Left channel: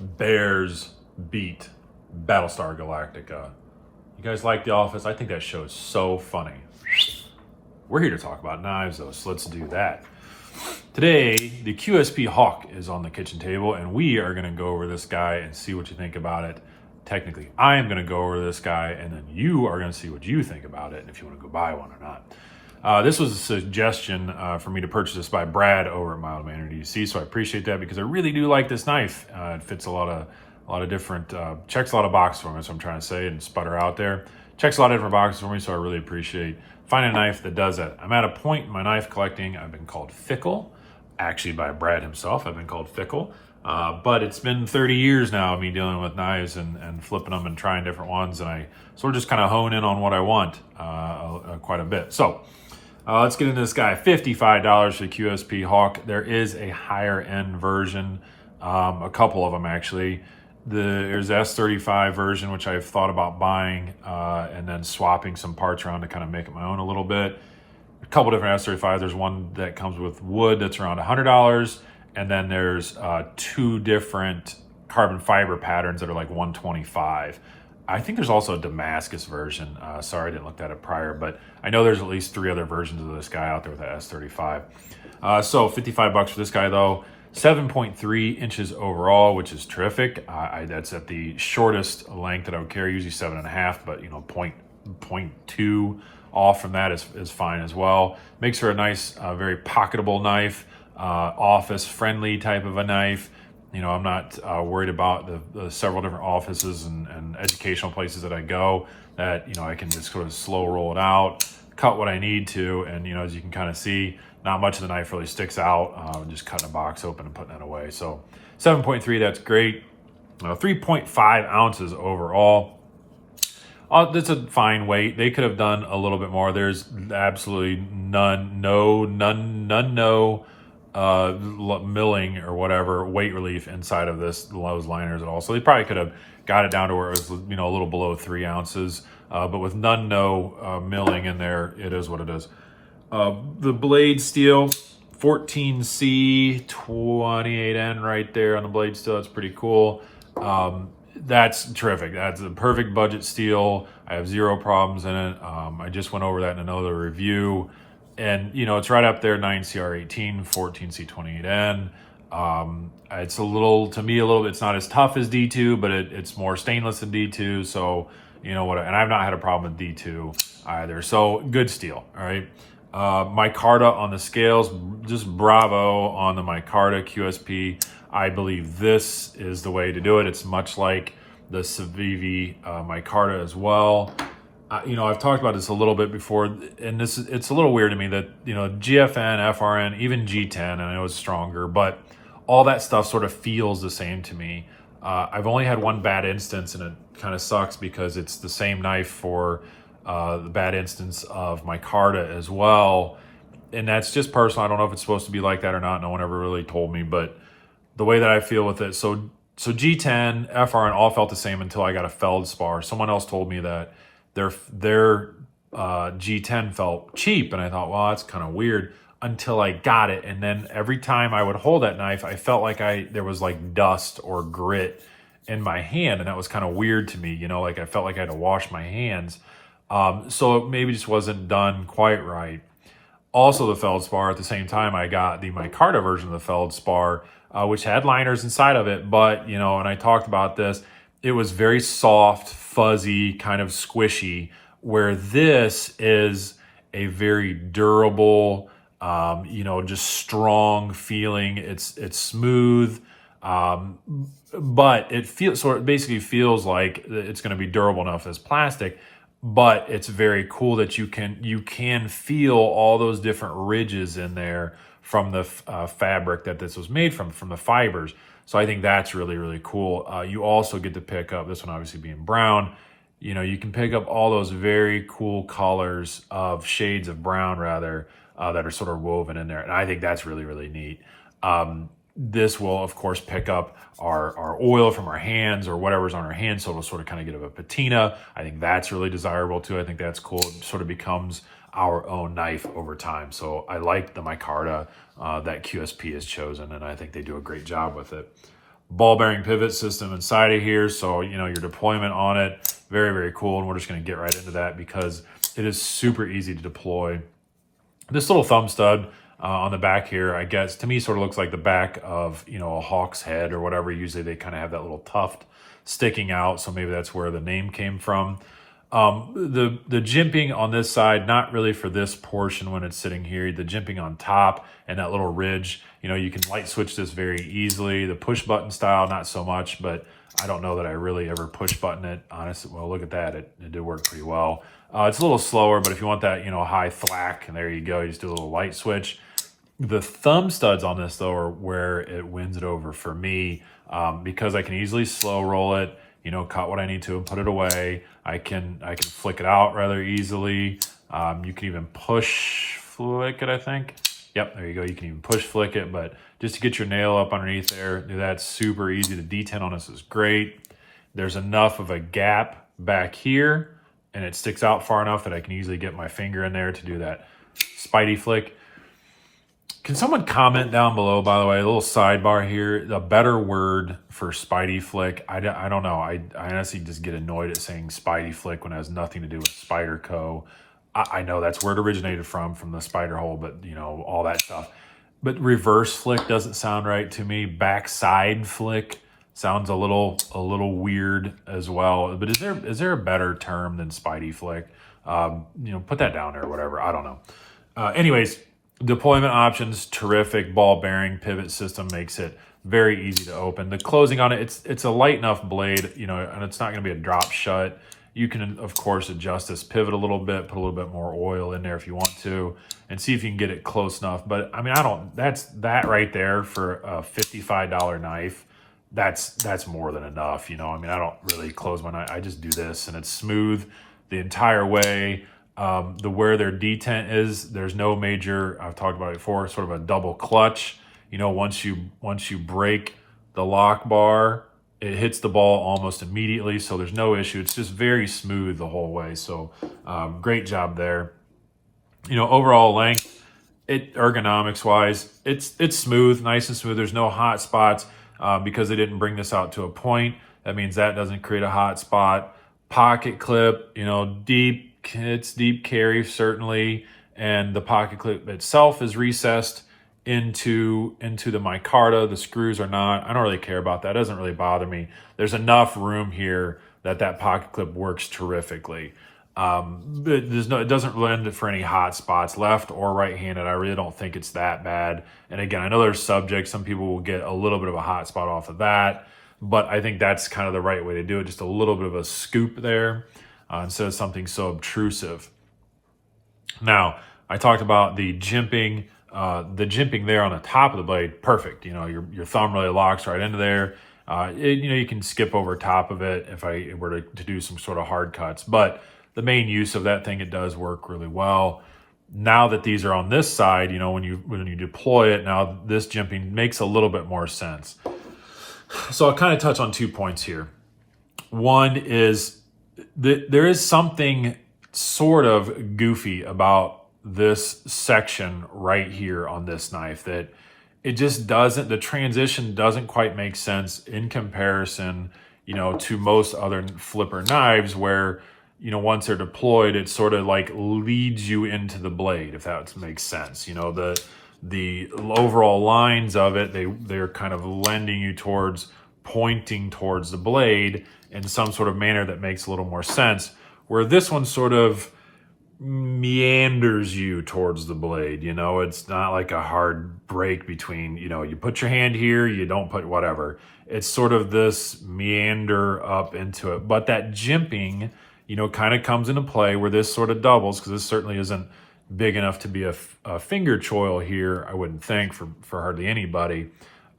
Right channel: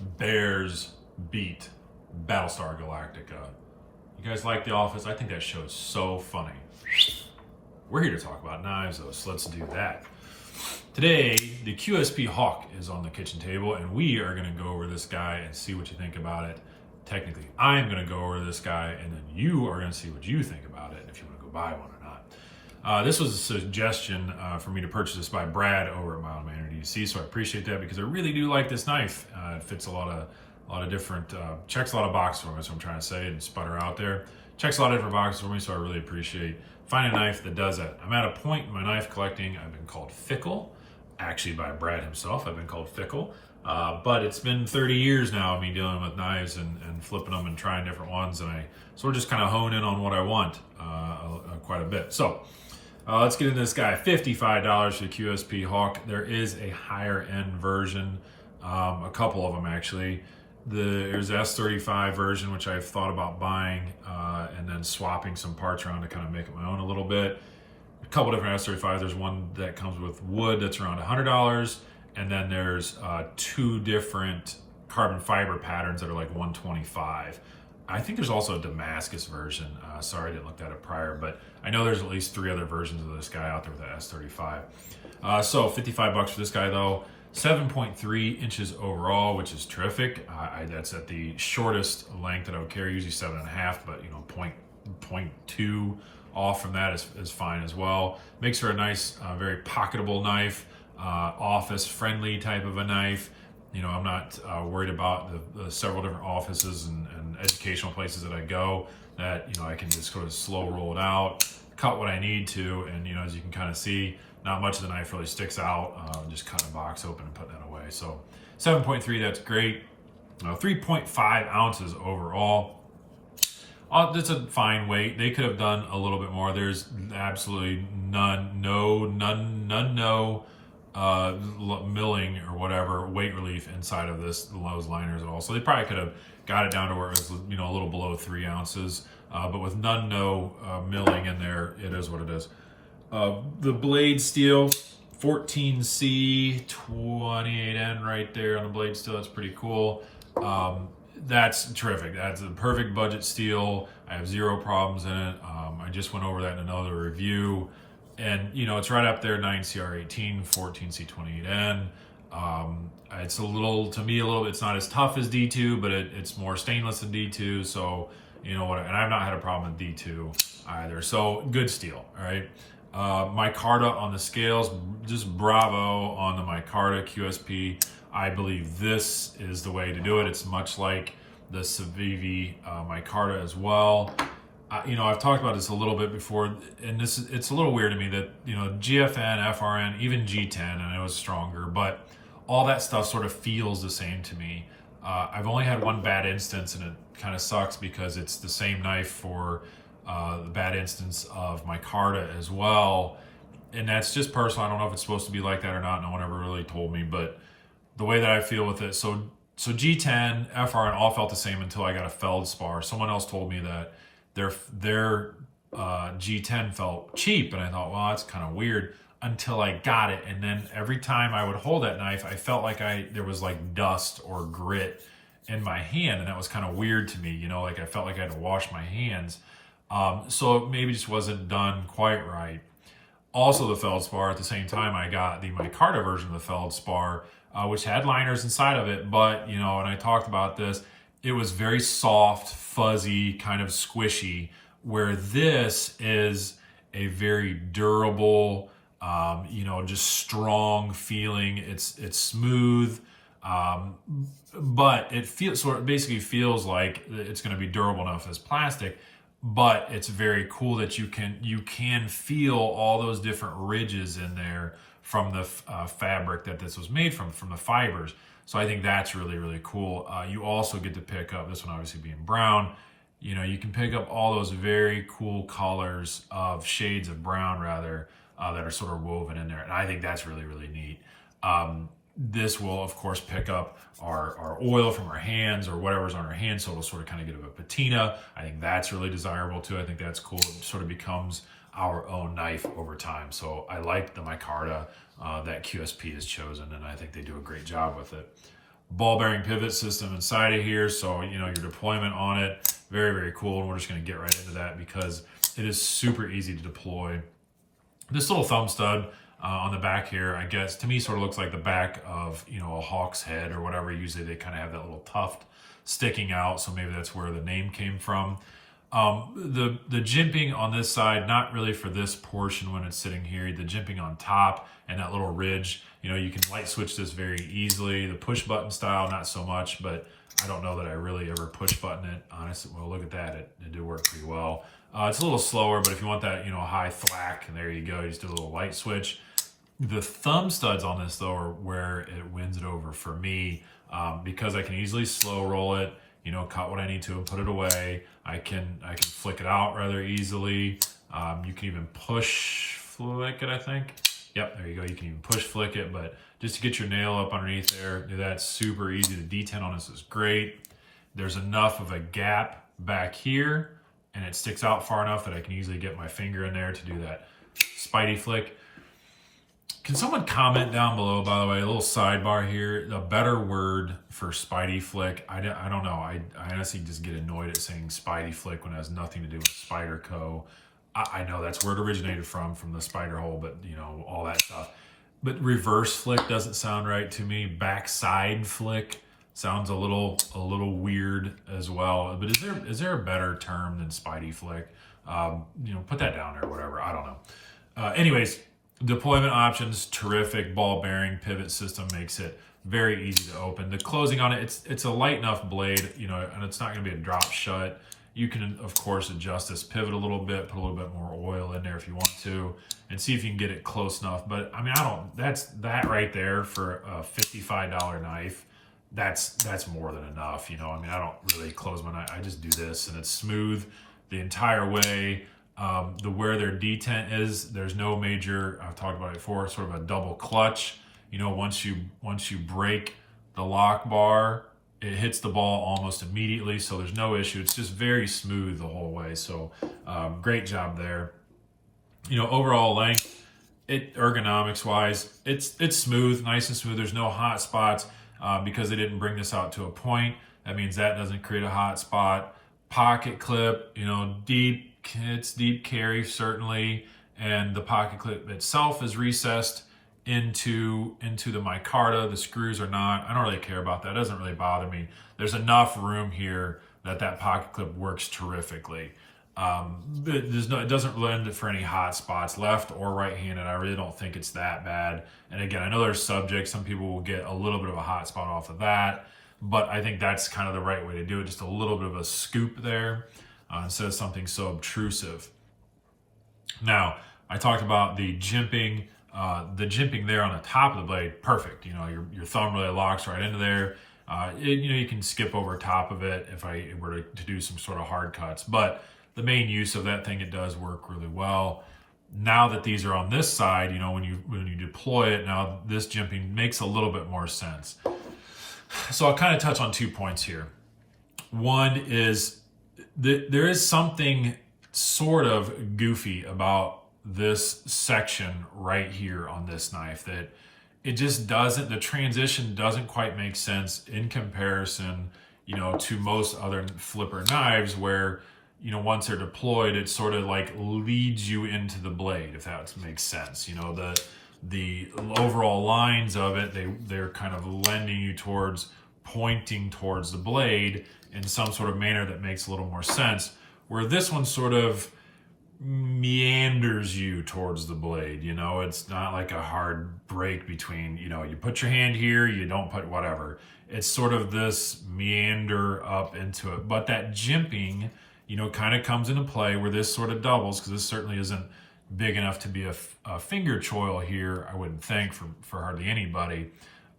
Bears beat Battlestar Galactica. You guys like The Office? I think that show is so funny. We're here to talk about knives, though, so let's do that. Today, the QSP Hawk is on the kitchen table, and we are going to go over this guy and see what you think about it. Technically, I am going to go over this guy, and then you are going to see what you think about it, and if you want to go buy one or not. This was a suggestion for me to purchase this by Brad over at Mild Manner DC, so I appreciate that because I really do like this knife. It fits a lot of different, checks a lot of boxes for me, that's what I'm trying to say, and sputter out there. Checks a lot of different boxes for me, so I really appreciate finding a knife that does that. I'm at a point in my knife collecting, I've been called fickle, actually by Brad himself, I've been called fickle. But it's been 30 years now of me dealing with knives and flipping them and trying different ones, and I sort of just kind of hone in on what I want quite a bit. So let's get into this guy. $55 for the QSP Hawk. There is a higher end version, a couple of them actually. There's the S35 version, which I've thought about buying and then swapping some parts around to kind of make it my own a little bit. A couple different S35. There's one that comes with wood that's around $100. And then there's two different carbon fiber patterns that are like $125. I think there's also a Damascus version. Sorry, I didn't look at it prior, but I know there's at least 3 other versions of this guy out there with the S35. So $55 for this guy though. 7.3 inches overall, which is terrific. That's at the shortest length that I would carry, usually 7.5, but 0.2 off from that is fine as well. Makes her a nice, very pocketable knife. Office friendly type of a knife. I'm not worried about the several different offices and educational places that I go that, I can just sort of slow roll it out, cut what I need to. And, as you can kind of see, not much of the knife really sticks out. Just cutting a box open and putting it away. So 7.3, that's great. 3.5 ounces overall. That's a fine weight. They could have done a little bit more. There's absolutely none, milling or whatever weight relief inside of those liners at all. So they probably could have got it down to where it was, a little below 3 ounces. But with milling in there, it is what it is. The blade steel, 14C 28N right there on the blade steel. It's pretty cool. That's terrific. That's the perfect budget steel. I have 0 problems in it. I just went over that in another review. And, it's right up there, 9CR18, 14C28N. It's it's not as tough as D2, but it's more stainless than D2. So, and I've not had a problem with D2 either. So, good steel, all right? Micarta on the scales, just bravo on the Micarta QSP. I believe this is the way to do it. It's much like the Civivi Micarta as well. I've talked about this a little bit before, and it's a little weird to me that, GFN, FRN, even G10, and I know it's stronger, but all that stuff sort of feels the same to me. I've only had one bad instance, and it kind of sucks because it's the same knife for the bad instance of Micarta as well. And that's just personal. I don't know if it's supposed to be like that or not. No one ever really told me, but the way that I feel with it, so G10, FRN all felt the same until I got a feldspar. Someone else told me that their G10 felt cheap, and I thought, well, that's kind of weird until I got it. And then every time I would hold that knife, I felt like there was like dust or grit in my hand, and that was kind of weird to me. Like I felt like I had to wash my hands. So it maybe just wasn't done quite right. Also, the feldspar, at the same time, I got the Micarta version of the feldspar, which had liners inside of it, but and I talked about this. It was very soft, fuzzy, kind of squishy, where this is a very durable, just strong feeling. It's smooth, but it basically feels like it's going to be durable enough as plastic, but it's very cool that you can feel all those different ridges in there from the fabric that this was made from the fibers. So I think that's really, really cool. You also get to pick up, this one obviously being brown, you can pick up all those very cool colors of shades of brown rather, that are sort of woven in there. And I think that's really, really neat. This will, of course, pick up our oil from our hands or whatever's on our hands, so it'll sort of kind of get a patina. I think that's really desirable too. I think that's cool. It sort of becomes our own knife over time. So I like the Micarta that QSP has chosen, and I think they do a great job with it. ball bearing pivot system inside of here. So, your deployment on it, very, very cool. And we're just going to get right into that because it is super easy to deploy. This little thumb stud on the back here, I guess, to me sort of looks like the back of, a hawk's head or whatever. Usually they kind of have that little tuft sticking out. So maybe that's where the name came from. The jimping on this side, not really for this portion when it's sitting here. The jimping on top and that little ridge, you can light switch this very easily. The push button style, not so much, but I don't know that I really ever push button it. Honestly, well, look at that. It did work pretty well. It's a little slower, but if you want that, high thwack, and there you go. You just do a little light switch. The thumb studs on this, though, are where it wins it over for me because I can easily slow roll it, cut what I need to and put it away. I can flick it out rather easily. You can even push flick it, I think. Yep, there you go. You can even push flick it, but just to get your nail up underneath there, that's super easy. The detent on this is great. There's enough of a gap back here, and it sticks out far enough that I can easily get my finger in there to do that Spidey flick. Can someone comment down below, by the way, a little sidebar here, the better word for Spidey flick? I don't know. I honestly just get annoyed at saying Spidey flick when it has nothing to do with Spider Co. I know that's where it originated from the spider hole, but all that stuff. But reverse flick doesn't sound right to me. Backside flick sounds a little weird as well. But is there a better term than Spidey flick? Put that down there or whatever. I don't know. Anyways, deployment options, terrific. Ball bearing pivot system makes it very easy to open. The closing on it, it's a light enough blade, and it's not going to be a drop shut. You can, of course, adjust this pivot a little bit, put a little bit more oil in there if you want to, and see if you can get it close enough. But I mean, that right there for a $55 knife, that's more than enough. I mean, I don't really close my knife. I just do this, and it's smooth the entire way. Where their detent is, there's no major, I've talked about it before, sort of a double clutch. Once you break the lock bar, it hits the ball almost immediately, so there's no issue. It's just very smooth the whole way. So great job there. Overall length, ergonomics wise, it's smooth, nice and smooth. There's no hot spots because they didn't bring this out to a point. That means that doesn't create a hot spot. Pocket clip, it's deep carry certainly, and the pocket clip itself is recessed into the micarta. The screws are not. I don't really care about that. It doesn't really bother me. There's enough room here that pocket clip works terrifically. It doesn't lend for any hot spots, left or right-handed. I really don't think it's that bad. And again, I know there's subjects. Some people will get a little bit of a hot spot off of that, but I think that's kind of the right way to do it. Just a little bit of a scoop there instead of something so obtrusive. Now, I talked about the jimping. The jimping there on the top of the blade, perfect. Your thumb really locks right into there. You can skip over top of it if I were to do some sort of hard cuts. But the main use of that thing, it does work really well. Now that these are on this side, when you deploy it, now this jimping makes a little bit more sense. So I'll kind of touch on 2 points here. One is there is something sort of goofy about this section right here on this knife that it just doesn't, the transition doesn't quite make sense in comparison, to most other flipper knives where, once they're deployed, it sort of like leads you into the blade, if that makes sense. The overall lines of it, they're kind of lending you pointing towards the blade in some sort of manner that makes a little more sense, where this one sort of meanders you towards the blade. It's not like a hard break between, you put your hand here, you don't put whatever. It's sort of this meander up into it. But that jimping, kind of comes into play where this sort of doubles, because this certainly isn't big enough to be a finger choil here, I wouldn't think, for hardly anybody.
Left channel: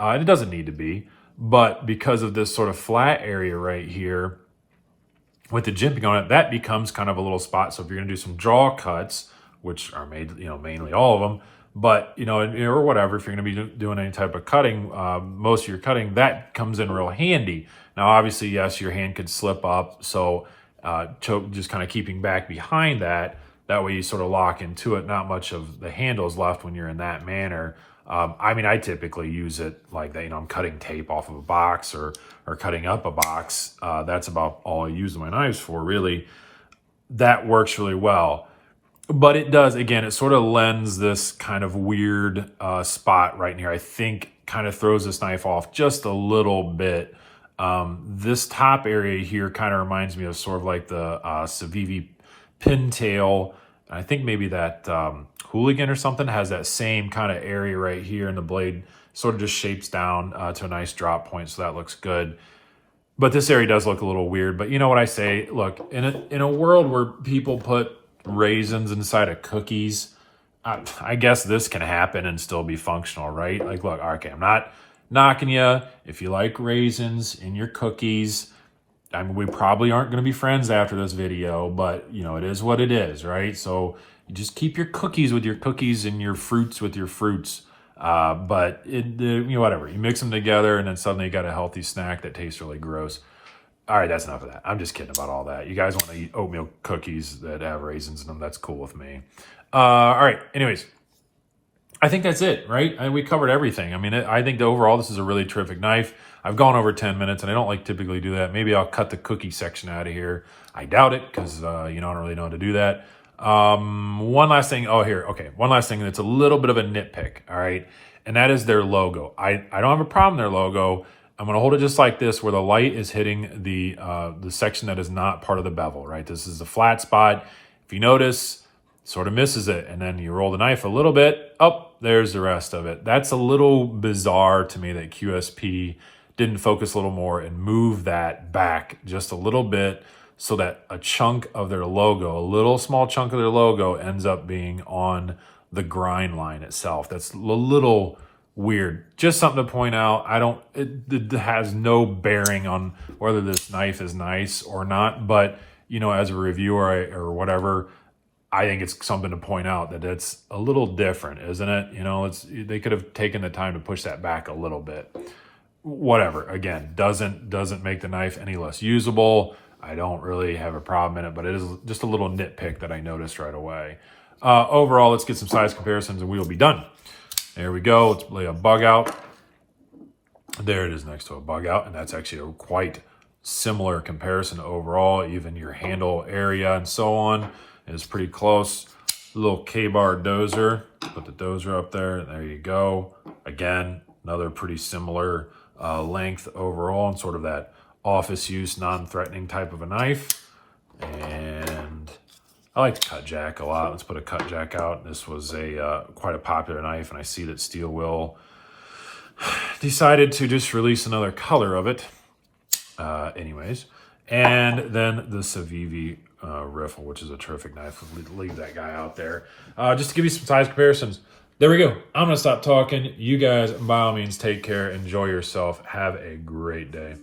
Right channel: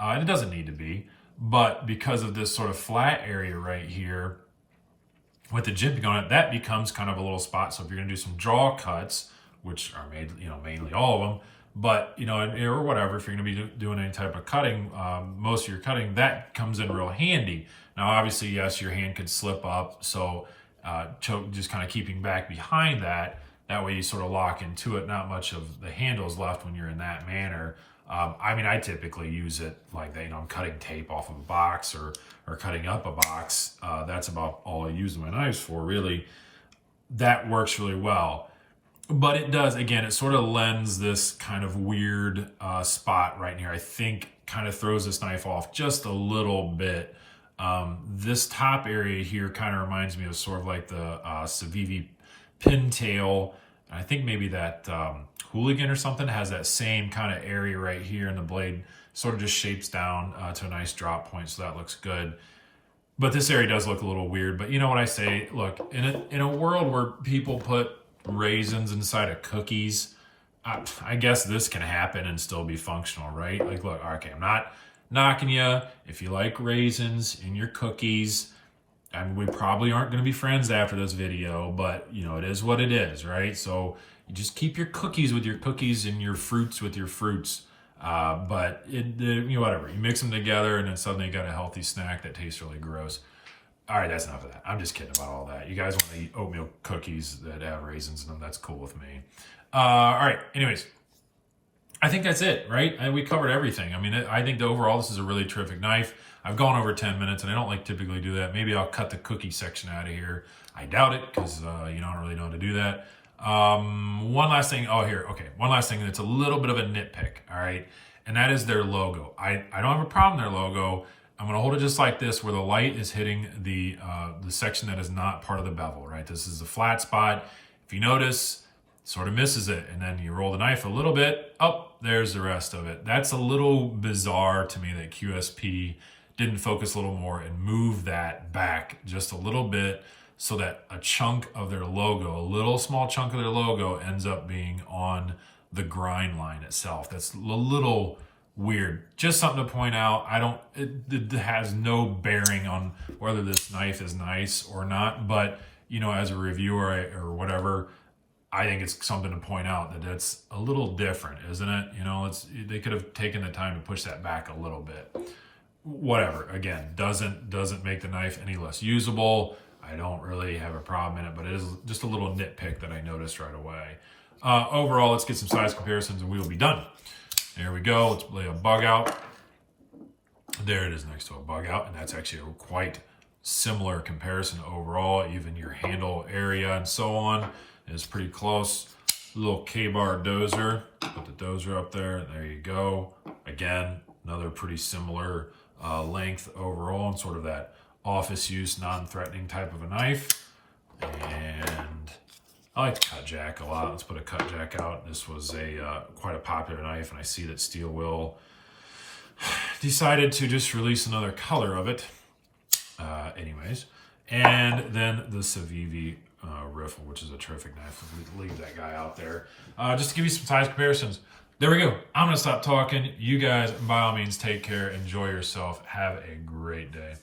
It doesn't need to be. But because of this sort of flat area right here, with the jimping on it, that becomes kind of a little spot. So if you're going to do some draw cuts, which are made, mainly all of them, but, or whatever, if you're going to be doing any type of cutting, most of your cutting, that comes in real handy. Now, obviously, yes, your hand could slip up. So just kind of keeping back behind that way you sort of lock into it. Not much of the handles left when you're in that manner. I mean, I typically use it like that, you know, I'm cutting tape off of a box or cutting up a box. That's about all I use my knives for, really. That works really well. But it does, again, it sort of lends this kind of weird spot right here. I think kind of throws this knife off just a little bit. This top area here kind of reminds me of sort of like the Civivi pintail. I think maybe that Hooligan or something has that same kind of area right here, and the blade sort of just shapes down to a nice drop point, so that looks good. But this area does look a little weird. But you know what I say? Look, in a world where people put raisins inside of cookies, I guess this can happen and still be functional, right? Like, look, okay, I'm not knocking you if you like raisins in your cookies. I mean, we probably aren't going to be friends after this video, but you know, it is what it is, right? So you just keep your cookies with your cookies and your fruits with your fruits. But you know, whatever, you mix them together and then suddenly you got a healthy snack that tastes really gross. All right, that's enough of that. I'm just kidding about all that. You guys want to eat oatmeal cookies that have raisins in them, that's cool with me. All right, anyways, I think that's it, right? We covered everything. I mean, I think that overall this is a really terrific knife. I've gone over 10 minutes, and I don't like typically do that. Maybe I'll cut the cookie section out of here. I doubt it, because you know, I don't really know how to do that. One last thing. Oh, here. Okay, one last thing that's a little bit of a nitpick, all right? And that is their logo. I don't have a problem with their logo. I'm going to hold it just like this, where the light is hitting the section that is not part of the bevel, right? This is the flat spot. If you notice, it sort of misses it, and then you roll the knife a little bit. Oh, there's the rest of it. That's a little bizarre to me that QSP didn't focus a little more and move that back just a little bit so that a chunk of their logo, a little small chunk of their logo, ends up being on the grind line itself. That's a little weird. Just something to point out. It has no bearing on whether this knife is nice or not, but you know, as a reviewer or whatever, I think it's something to point out that it's a little different, isn't it? You know, they could have taken the time to push that back a little bit. Whatever, again, doesn't make the knife any less usable. I don't really have a problem in it, but it is just a little nitpick that I noticed right away. Overall, let's get some size comparisons and we will be done. There we go. Let's lay a bug out. There it is next to a bug out, and that's actually a quite similar comparison overall. Even your handle area and so on is pretty close. A little K-bar dozer. Put the dozer up there. There you go. Again, another pretty similar length overall, and sort of that office use, non-threatening type of a knife. And I like the cut jack a lot. Let's put a cut jack out. This was quite a popular knife, and I see that Steel Will decided to just release another color of it. Anyways, and then the Civivi Riffle, which is a terrific knife. We'll leave that guy out there. Just to give you some size comparisons. There we go. I'm going to stop talking. You guys, by all means, take care. Enjoy yourself. Have a great day.